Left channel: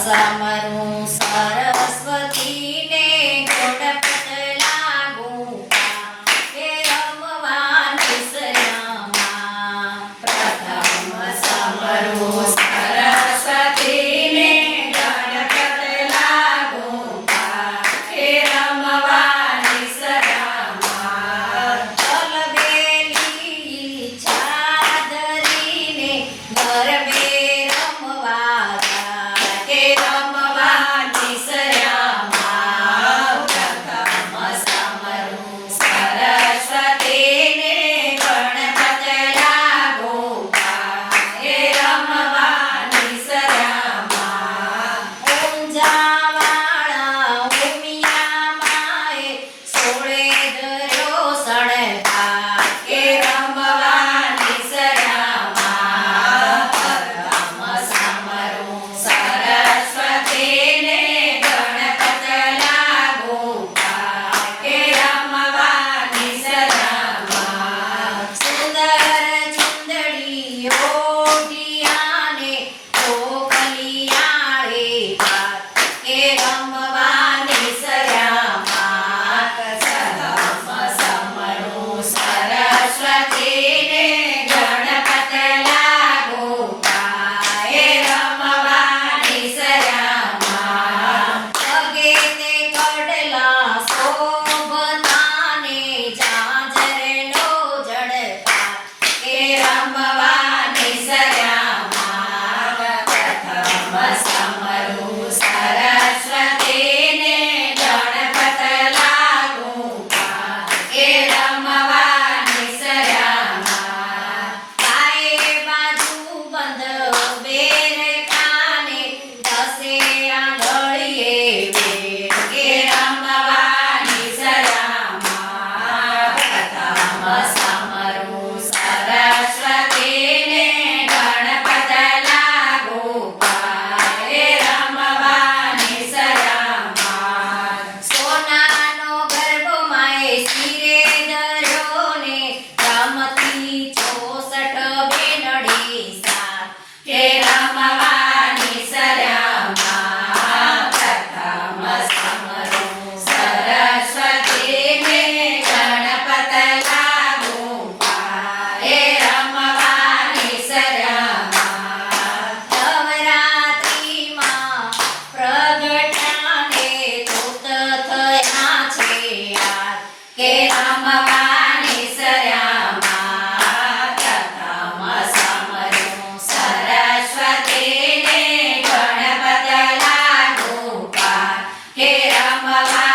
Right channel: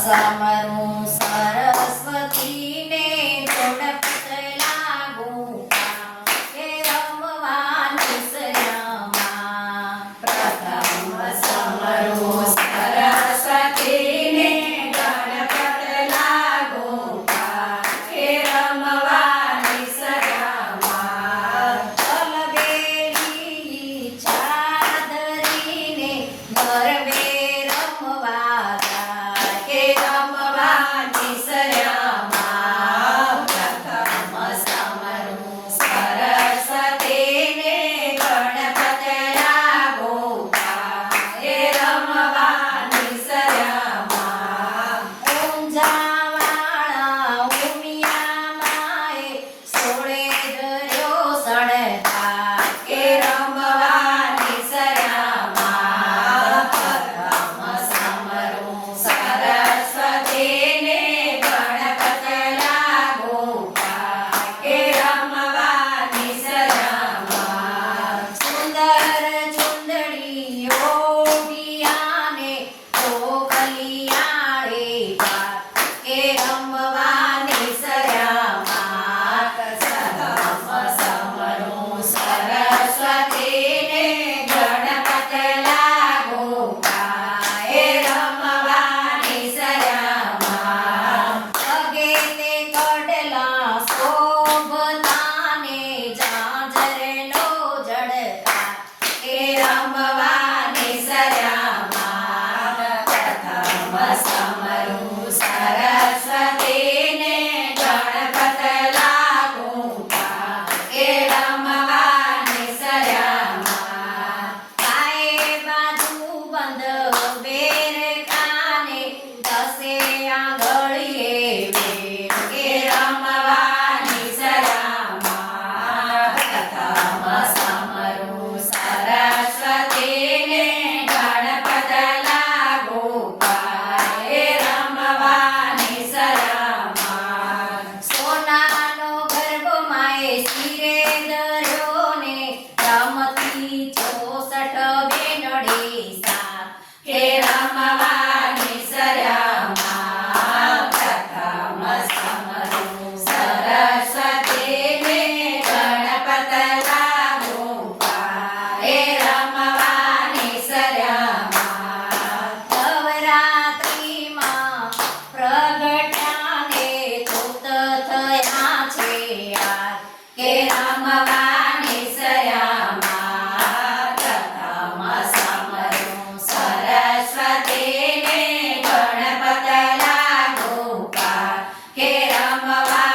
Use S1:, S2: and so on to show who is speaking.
S1: સમરું mamá. Bye.